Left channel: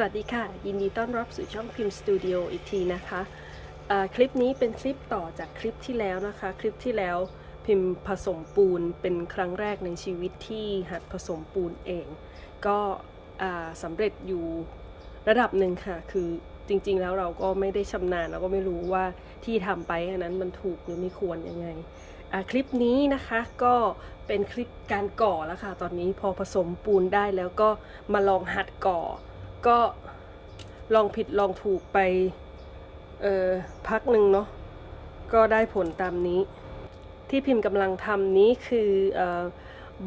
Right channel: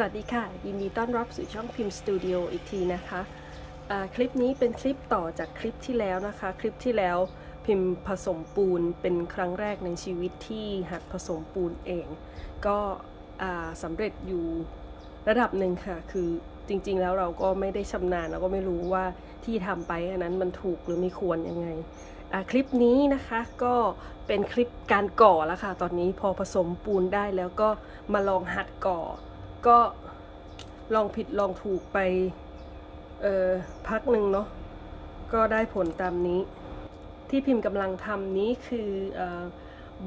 สวัสดีค่ะ ยินดีต้อนรับสู่ช่องพิมพ์สตูดิโออีกทีนะคะอ่าคลิปนี้เป็นคลิปต่อจากคลิปที่แล้วนะคะ คลิปที่แล้วพิมพ์ผสมปูนเป็นครั้งแรกในชีวิตที่หัดผสมปูนเอง ก็สำเร็จอยู่ระดับหนึ่งค่ะ คือจริงๆแล้วเราก็ไม่ได้ชำนาญเราก็ไม่รู้ว่าที่ทำไปอันนั้นมันถูกหรือไม่ควรยังไงคลิปนี้นะคะก็เป็นคลิปการก่อแล้วค่ะ ตอนนี้พอผสมปูนได้แล้วก็มาลองหัดก่อ ก็ลองผิดลองถูกไปเออพักหนึ่งเนาะก็ได้ผลตามนี้ ที่พิมพ์กำลังทำนี้คือเออ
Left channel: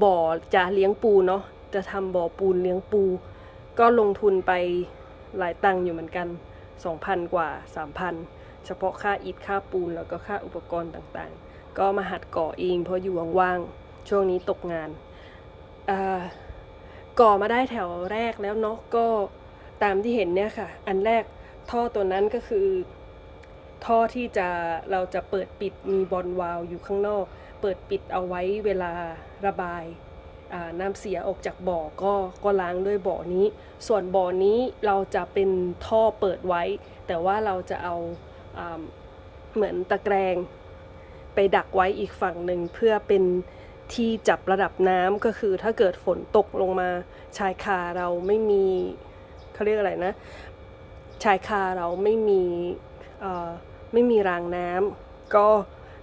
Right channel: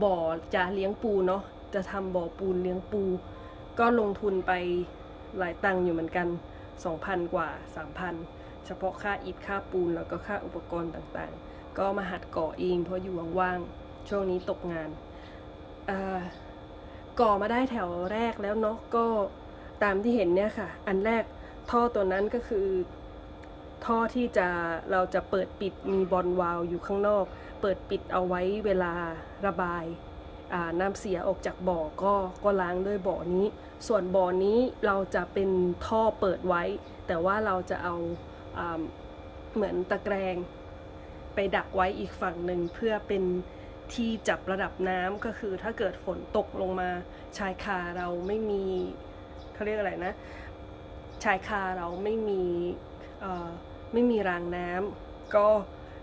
บ่อจะเลี้ยงปูเนาะจะทำบ่อปูนเลี้ยงปู ก็ลงทุนไปหลายตังค์อยู่เหมือนกัน 2,000 กว่า 3,000 เฉพาะค่าอิฐค่าปูนแล้วก็ค่าอุปกรณ์ต่างๆ ก็มาหัดก่อเองเพราะอยู่ว่างๆ ช่วงนี้ตกงานก่อมาได้แถวแรกแล้วเนาะก็ ตามที่เห็นเนี่ยค่ะ อันแรกท่อตัวนั้นก็คือ ท่อที่จะเราจะเปิดปิดมีบอลวาล์วอยู่ข้างนอก เปิดปิดเอาไว้เวลาระบายน้ำเสียออกจากบ่อก็ก็ล้างด้วยบ่อนี้ ส่วนบ่อนี้เราจะเป็นท่อเปิดไว้ แต่ว่าเราจะเอาอ่าเหมือนตะแกรงไปดักไว้อีกฝั่งหนึ่งเพื่อเป็นที่จับระดับน้ำก็คือถ้าเกิดฝนตกลงมาชายคาเราไม่มี เขาเรียกอะไรนะ ชายคาเราไม่มีไม่มีรางน้ำก็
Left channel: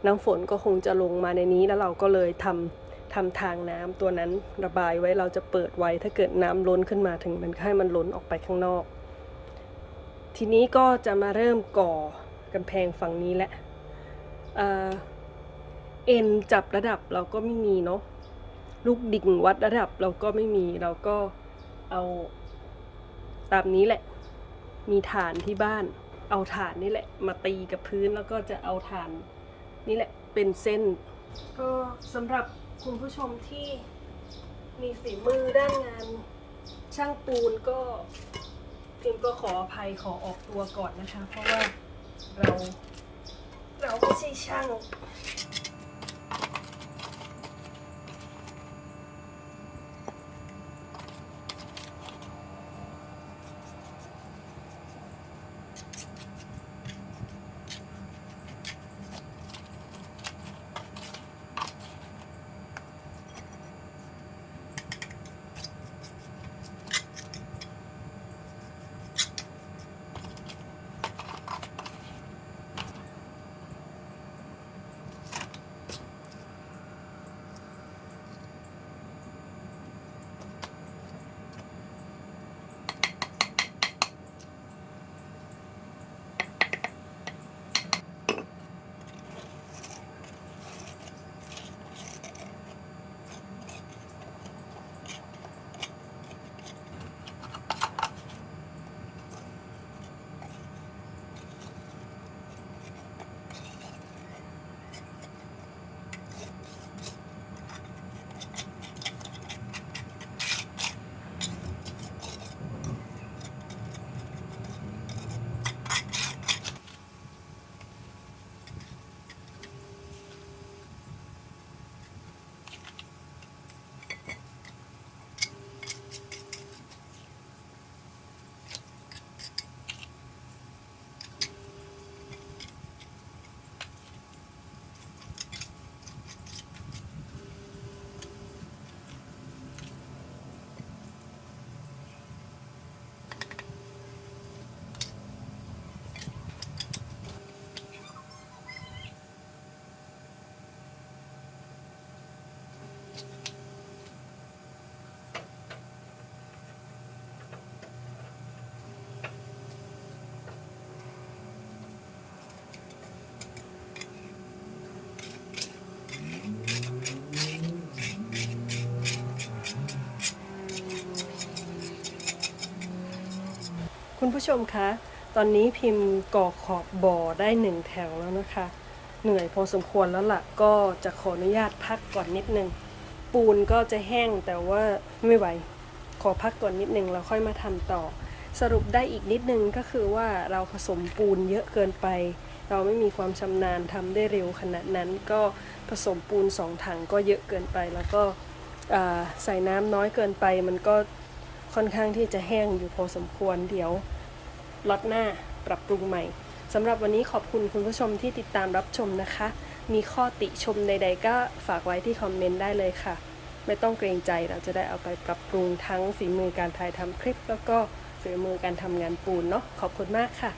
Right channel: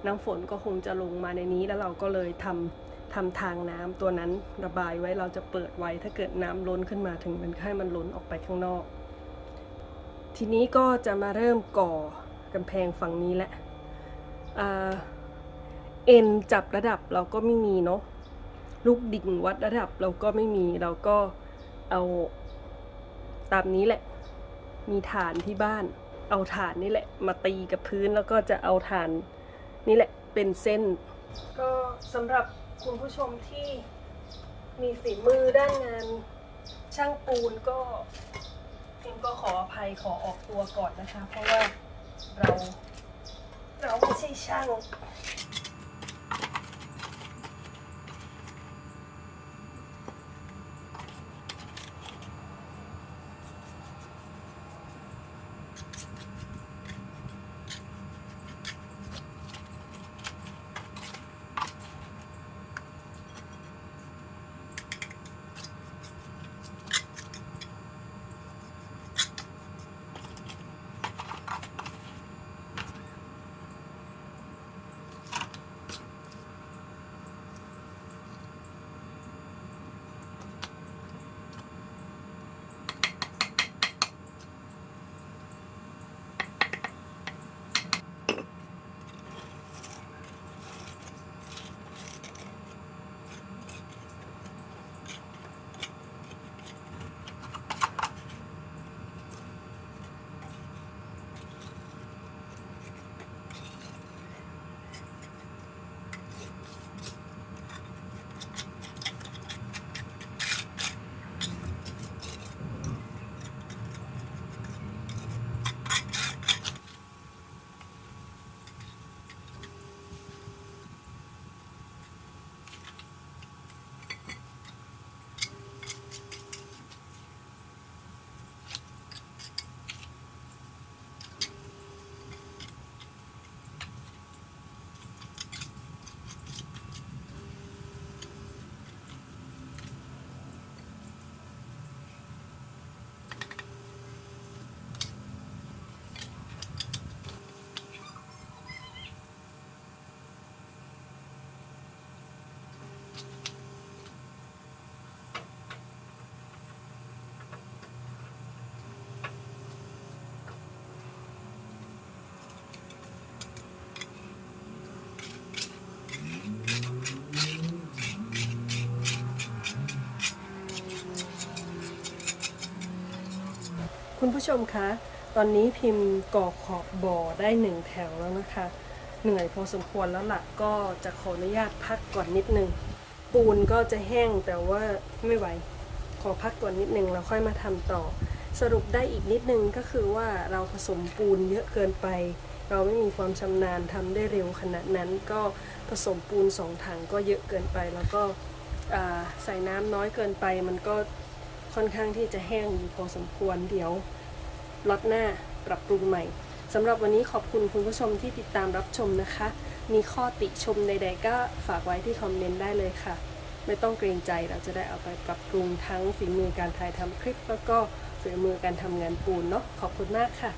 น้ำฝนก็คงจะลงมาในนี้แล้วเราก็เลยทำทำทางน้ำตัวนั้นระบายไว้เราจะเปิดไว้ถ้าเกิดน้ำล้นขึ้นมาถึงมันให้มันล้นออกไปข้างนอก ทีนี้ก็จะมาเริ่มก่อกำแพงฝั่งนี้แหละเอ่อเอ็นจับระดับเราก็ไม่มีเนาะลูกดิ่งวัดระดับเราก็ไม่มีเราก็เอา ตามนี้แหละ มีฐานที่บ้าน เอาฐานนี่แหละ มาตีกับพื้นแล้วก็จะเอาฐานนี่แหละเป็นเส้น ก็สำหรับคุณผู้ชมที่มีฝีมือด้านงานช่างปูนก็พิมก็ขออภัยขอออกตัวก่อนนะคะ เพราะว่าเราเราไม่ใช่ช่าง คุณผู้ชมคะ ตอนนี้พิมพ์ก่อขอบบ่อได้หนึ่งแถวแล้วนะคะ เหนื่อยพอสมควรแล้วล่ะ ก็จะขออนุญาตพักก่อนนิดนึง ปูนก็จะแห้งแต่ว่าไม่ไหว ขอพักก่อนนิดนึงแล้วค่อยมาทำต่อ สรุปได้อีกนิดนึงก็คือว่าเราผสมปูนเยอะเกินไป เราไม่มีความชำนาญทำได้เร็วขนาดนั้นก็ผสมปูนสองถังก็เยอะเกินไปแล้วก็ใส่น้ำน้อยเกินไปมันก็ ค่อนข้างที่จะแห้งอยู่พอสมควรเดี๋ยวล็อตหน้าปรับปรุงใหม่สำหรับวันนี้ขอบคุณคุณผู้ชมที่ติดตามรับชมนะคะ มีข้อติชมใด ๆ ก็ฝากไว้ที่คอมเมนต์ได้เลยค่ะ ไม่ต้องเกรงใจเราจะได้เอาไปปรับปรุงทั้งฝีมือการถ่ายทำคลิป แล้วก็ฝีมือการทำงานปูนเนาะขอบคุณมากค่ะ